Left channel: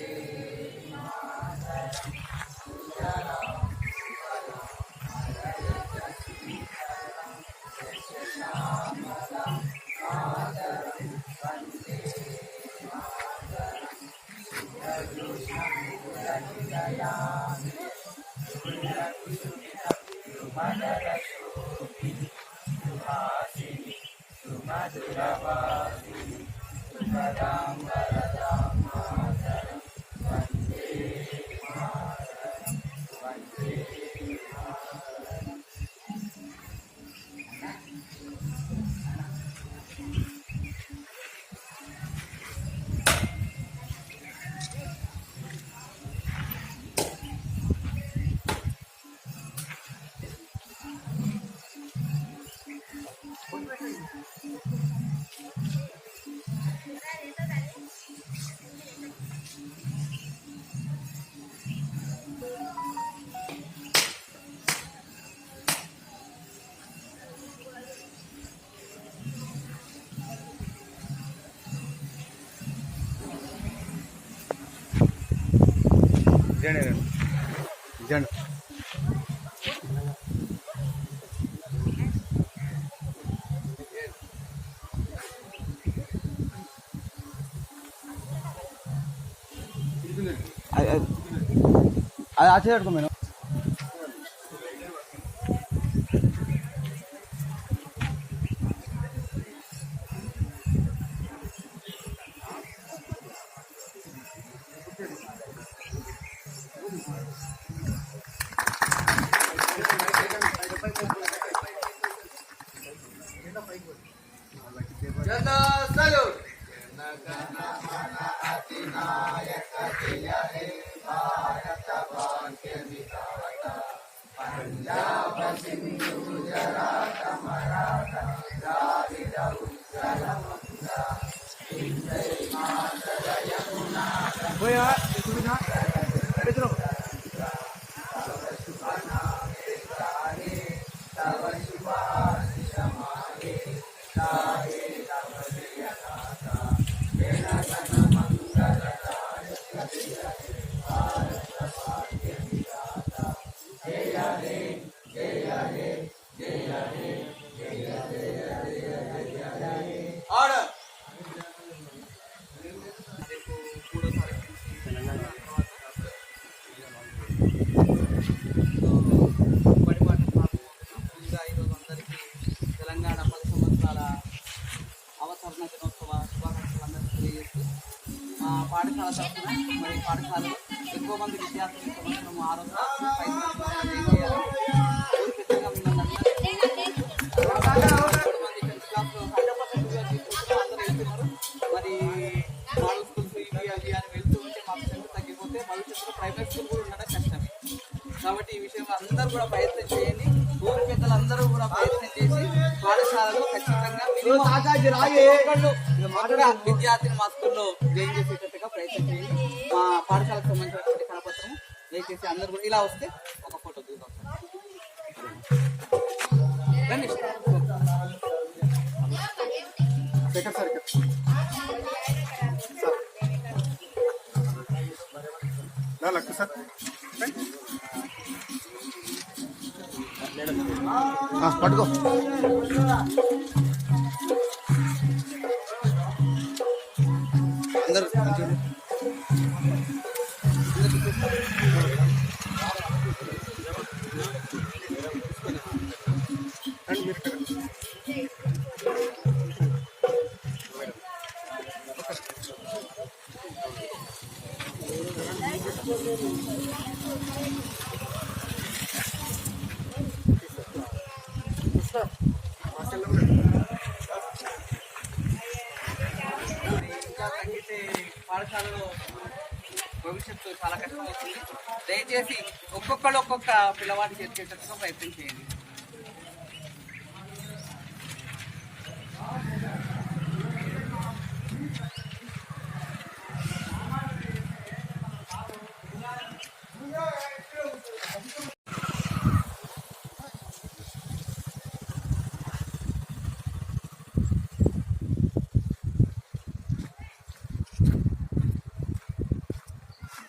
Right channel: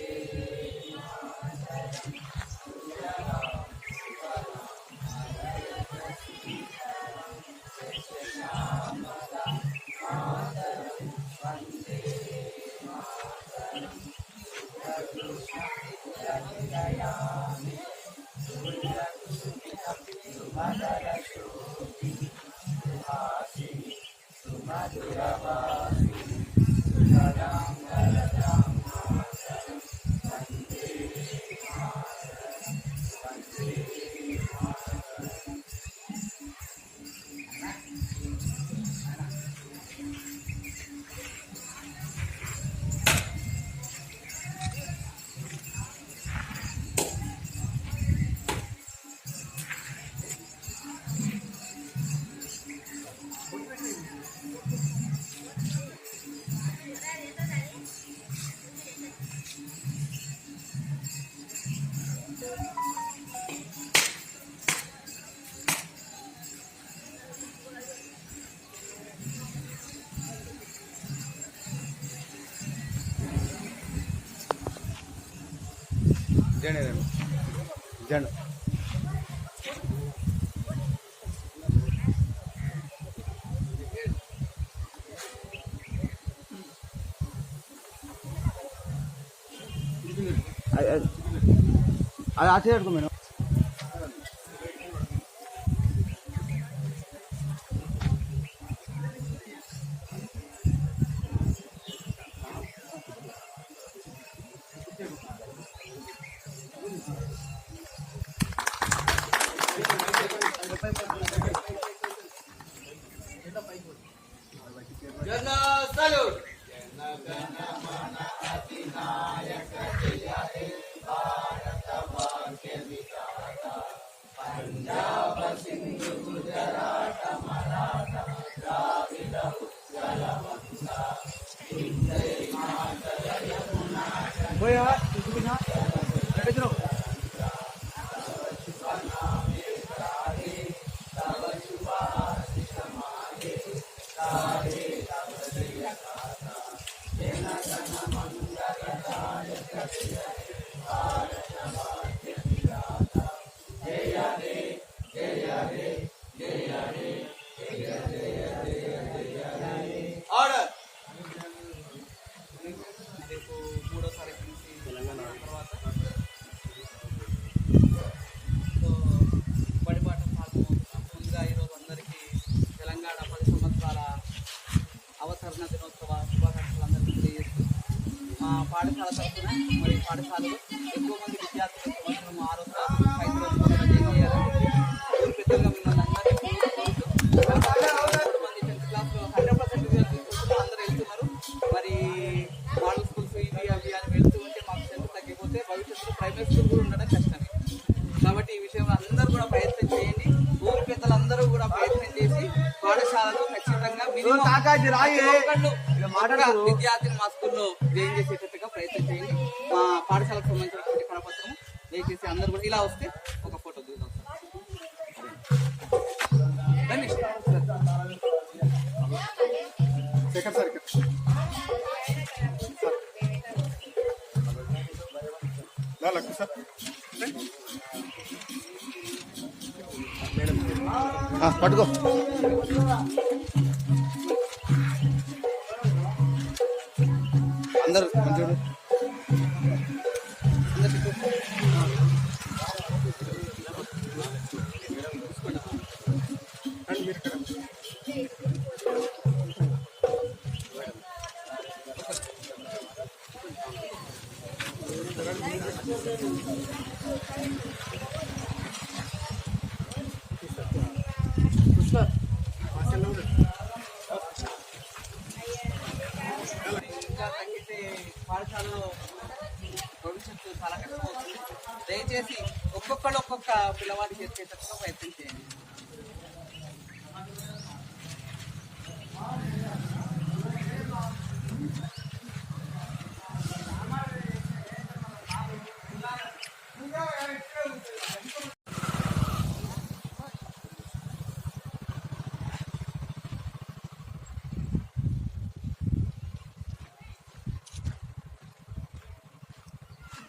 Amen. అది అచ్చే madam aquella మరి పాఠశాలలో ఎక్కువ మంది విద్యార్థులు సంవత్సరం మంది టెన్త్ హండ్రెడ్ పర్సెంట్ తీసుకుంటున్నారు అందరూ వెళ్తున్నారు. మరి మోడల్ స్కూల్స్ ఇవి అవి అని వెళ్తూ ఉంటే మాకు స్ట్రెంత్ తగ్గిపోతే భవిష్యత్తులో ప్రైవేట్ స్కూల్ కూడా ఉండడం కష్టమే. కాబట్టి ఈ విషయంలో అందరూ కూడా ప్రయత్నం చేయండి. ఊరి పెద్దలందరూ కూడా ప్రయత్నం చేసి పాఠశాలలో ఖచ్చితంగా మినిమం విద్యార్థిని మా స్కూల్లో జాయిన్ చేసేటట్టుగా ప్రయత్నం చేయండి మా పాఠశాలకు సంబంధించినటువంటి కరపత్రం దయచేసి అందరూ కూడా ఇలా వస్తే ఒక photo దిగుదాం sir. Sir. Second sir sir. పట్టుకో. భవిష్యత్తు చాలా కష్టం అవుతుంది దయచేసి ఒక్కొక్కళ్ళు ఒక్కొక్క పిల్లవాడి చేసేటట్టుగా ప్రయత్నం చేయండి.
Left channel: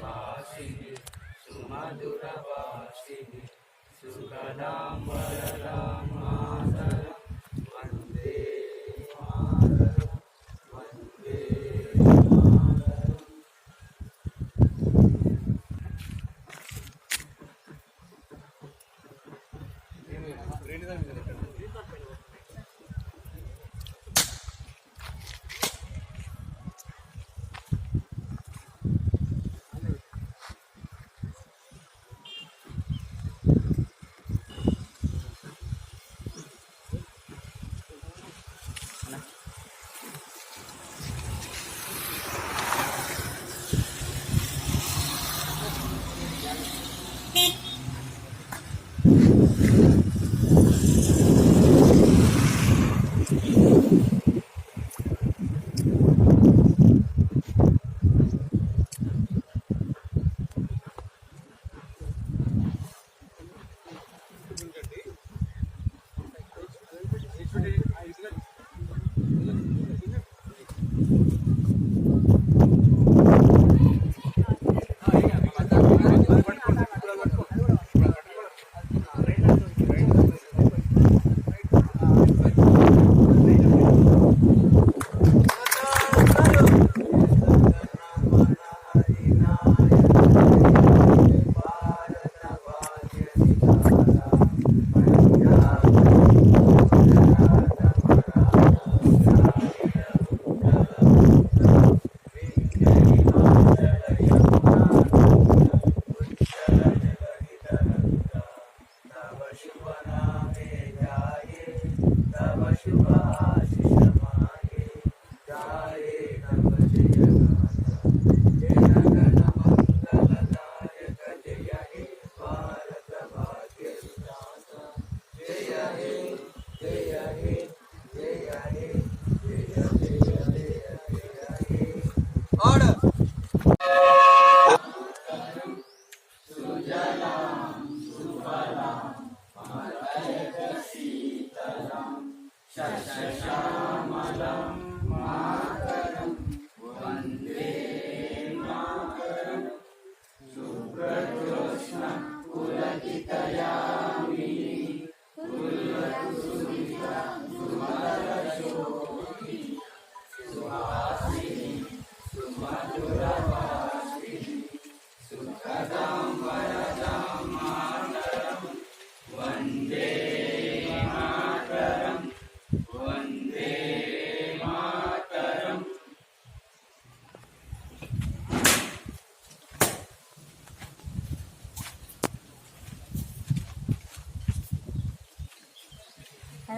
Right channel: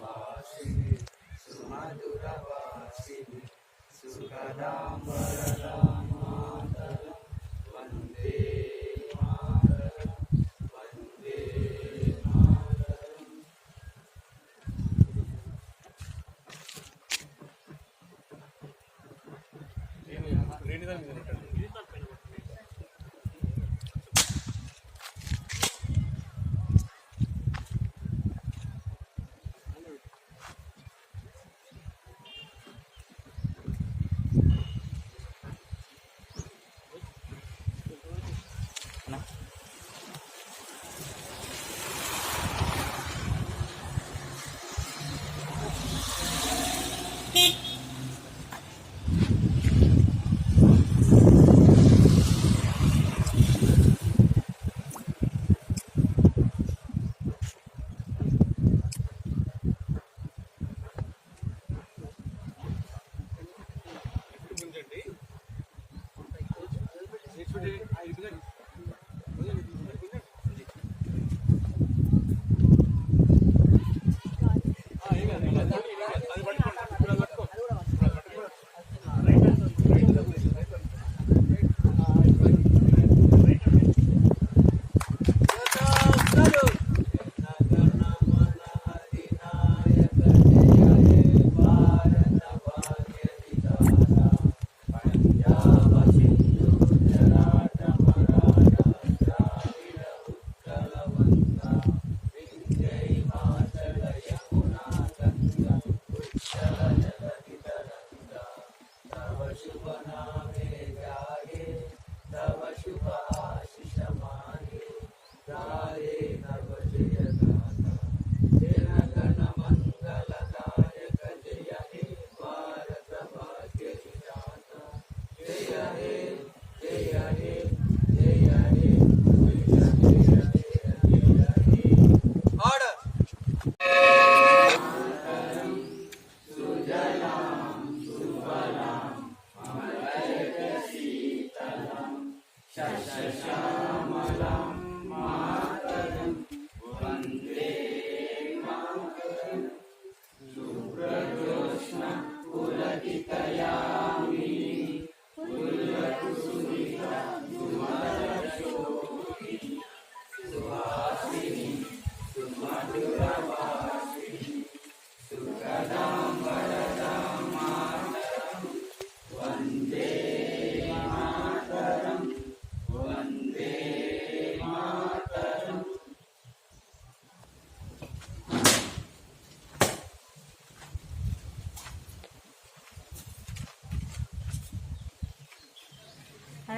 सुवासिनि सुमधुरवासिनि सुखदाम्बरदाम्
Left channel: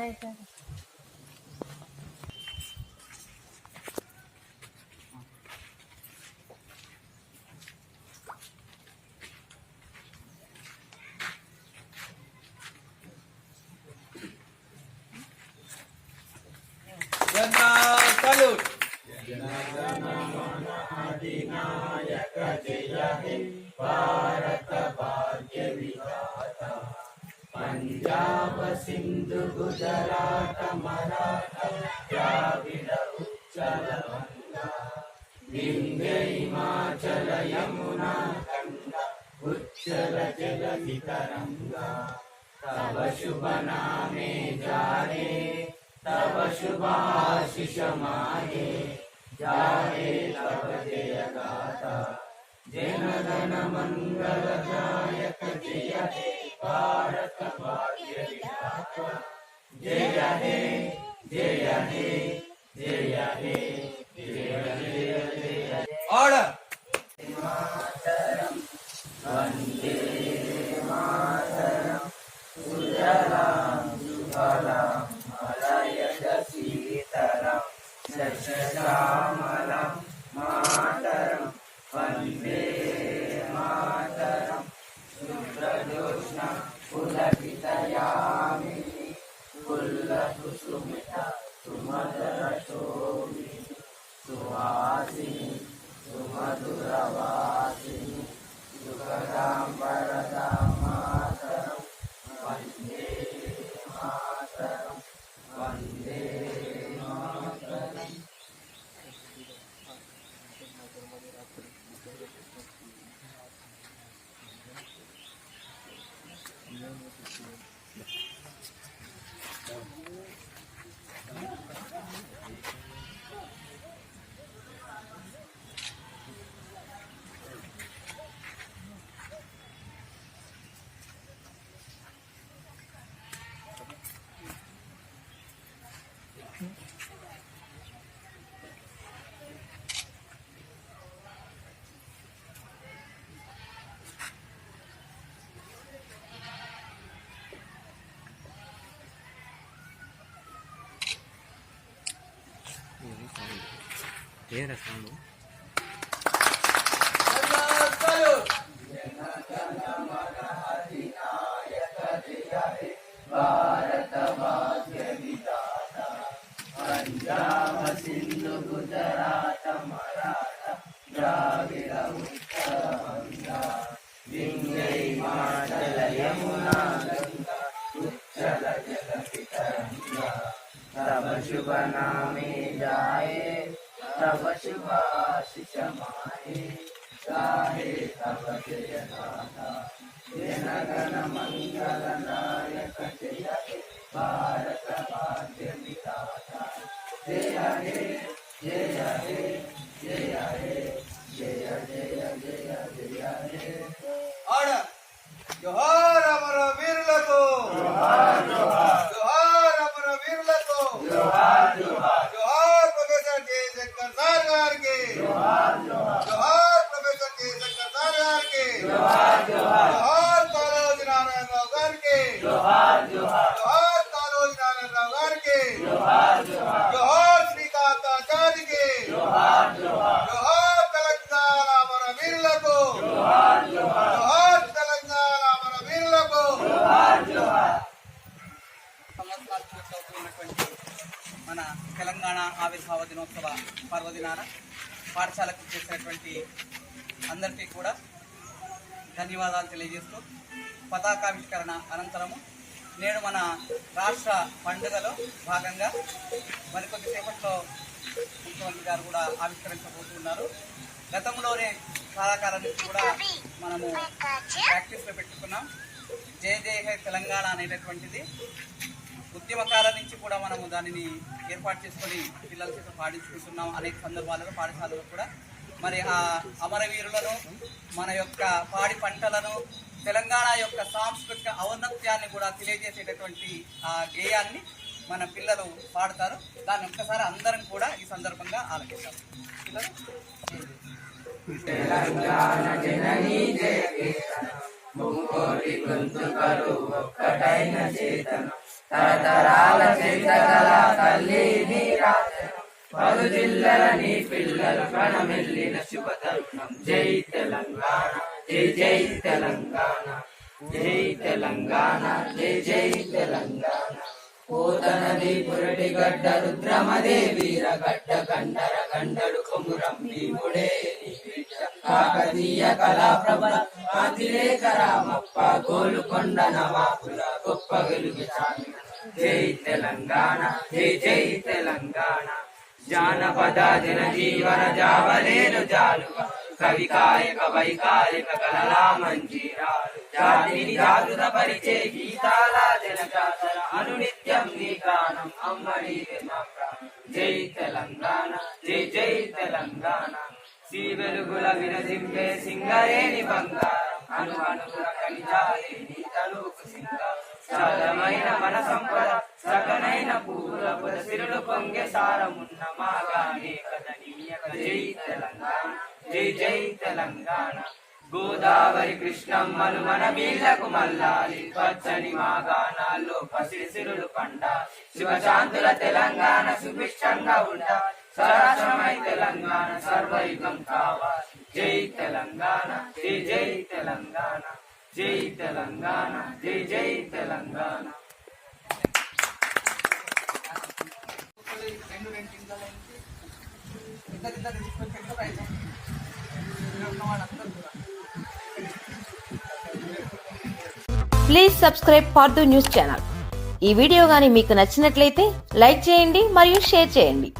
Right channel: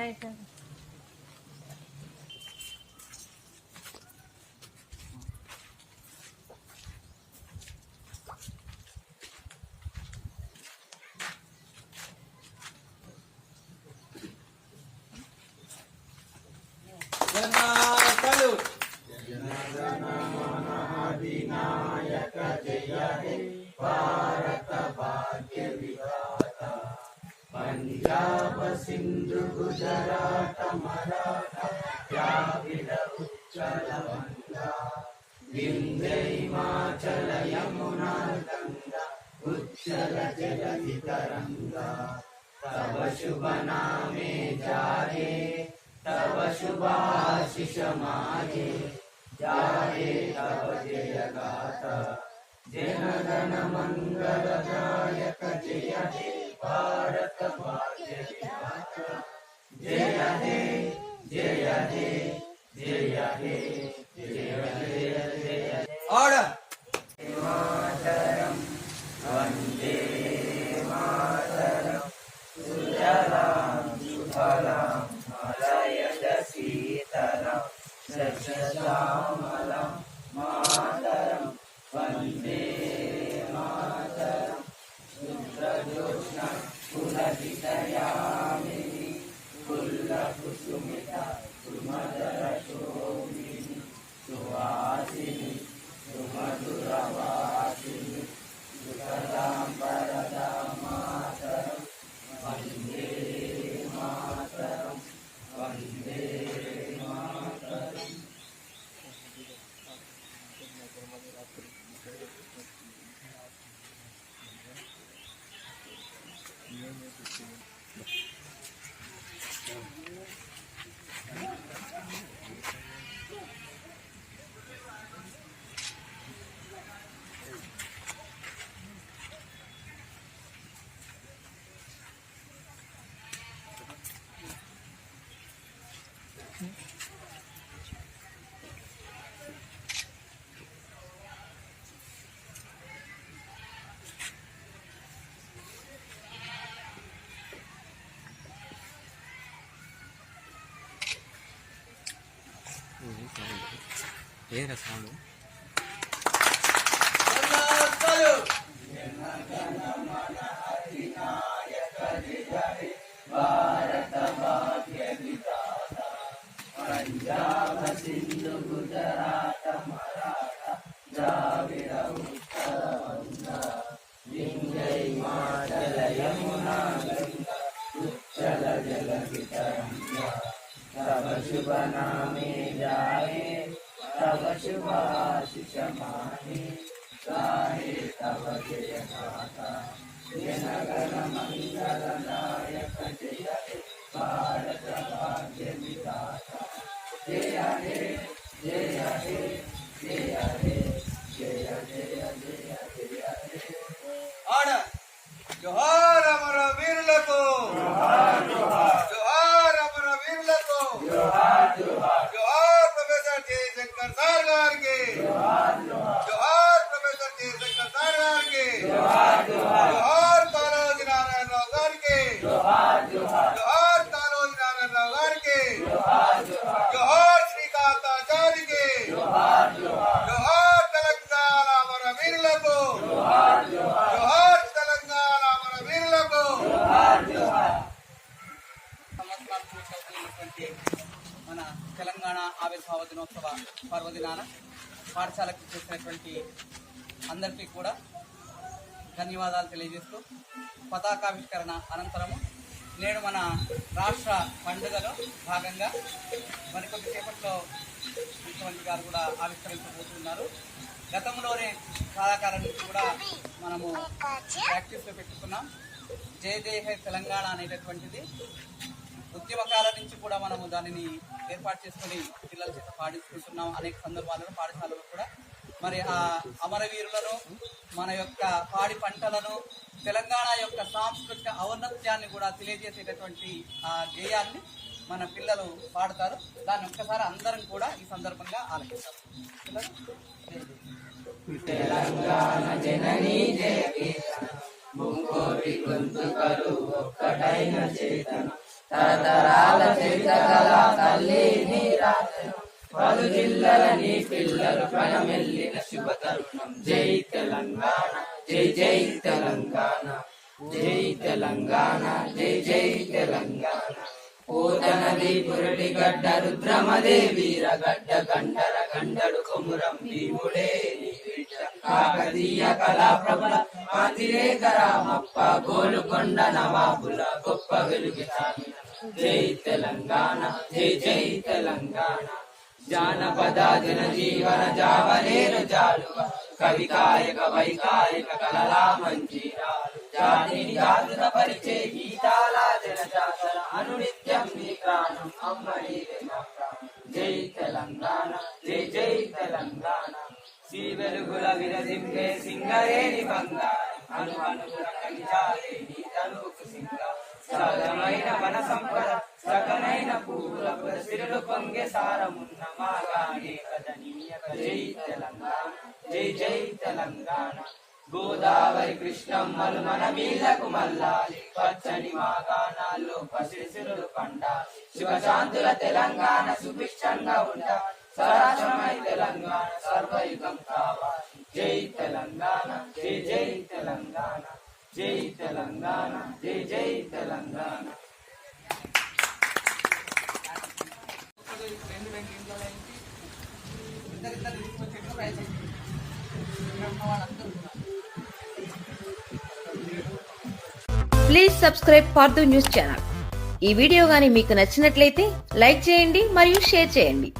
哎，对。गुजराट मराठा द्राविड उच्चलवङ्गा विन्दे हिमाचल यमुना गङ्गा उच्चल जलधितरङ्गा तव शुभ नामे जारे शुभाशिष मागे जारे तव जय गाता भारत भाग्य Order! సౌండ్ ఏదైనా సౌండ్ పంజాబ్ సింధు గుజరాత్ మరాఠ ద్రావిడ शुभ नामे जाए तब शुभ आशिष माहे गाहे तब जय गाथा जन गण मंगल नायक जय भारत राज्य विधाता जय हे जय हे जय हे దినోత్సవ పర్వదినాన పాఠశాలకు చేసినటువంటి అందరికీ కూడా ధన్యవాదాలు తెలియజేస్తూ పతాకావిష్కరణ అనంతరము నేడు మన రాష్ట్ర పండుగలో భాగంగా మరికొద్ది సేపట్లో ముఖ్యమంత్రి గారు కూడా ఆవిష్కరించబోతున్నారు గతంలోనే కళాకారాన్ని కూడా మనము ప్రాక్టీస్లో పెట్టుకున్నాం. జయ జయ తెలంగాణ అనేటటువంటిది. ఉద్యమకాలం నుంచి కూడా మనము దానిని ఏర్పాటు చేసుకొని పిల్లల చేత పాడించుకుంటున్నాం అనేక సందర్భాలలో పాఠశాలలో కూడా. మరి ఆ అమరవీరులను మన యొక్క పాడి పంటలను తెలంగాణ యొక్క సాంస్కృతిక ఔన్నత్యాన్ని కూడా తెలియజేసేటటువంటి ఆ గేయాన్ని మన పిల్లలు పాడతారు. దాన్ని ఒక్కసారి అందరం కూడా ఈ సందర్భంగా ఆలకిస్తారు పిల్లలు? పలు జిల్లల నీ పిల్లలు కనమెల్లిన శుభ తరుణం జై తెలంగాణ జై జై తెలంగాణ జై తెలంగాణ జై జై తెలంగాణ పోతనది పురటి గడ్డ రుద్రమదే వీరగడ్డ గండర గండడు కొమురం భీముడే కాకతీయ కళా ప్రబల కాంతిరేఖ రామప్ప గోలుకొండ నవాబుల గొప్ప వెలుగు జై తెలంగాణ జై జై తెలంగాణ. జానపద జన జీవన జావలేను జాలుగా కవి కాయక వైకాయక కలలా మంజీరాలు. జాతిని జాగృత పరిచే గీతాల జనజాతర. అనునిత్యం నీ గానం అమ్మడి జై తెలంగాణ జై జై తెలంగాణ. శ్రీ వెలుగుల విరజింపే సింగరేని బంగారం. అను అనుగుణ కనిజాలే సింగారం సహజమైన మన సంపద సకనైన పూల సిరులు పొంగే సారమున్న మాగానే కదనీయ జై తెలంగాణ జై జై తెలంగాణ. గోదావరి కృష్ణమ్మలు మన వీళ్ళకు మల్లాలి పచ్చని మా గానాల్లో పసిడి సిరులు పండాలి. శుభశాంతుల తెలంగాణ సుభిక్షంగా ఉండాలి. సరాశ్రమై తెలంగాణ సర్వయుగం కావాలి. జై తెలంగాణ జై జై జై తెలంగాణ జై జై Telangana. Please subscribe for the news channel ఈ వీడియో గాని మీకు నచ్చినట్లయితే లైక్ చేయండి మరియు షేర్ చేయండి.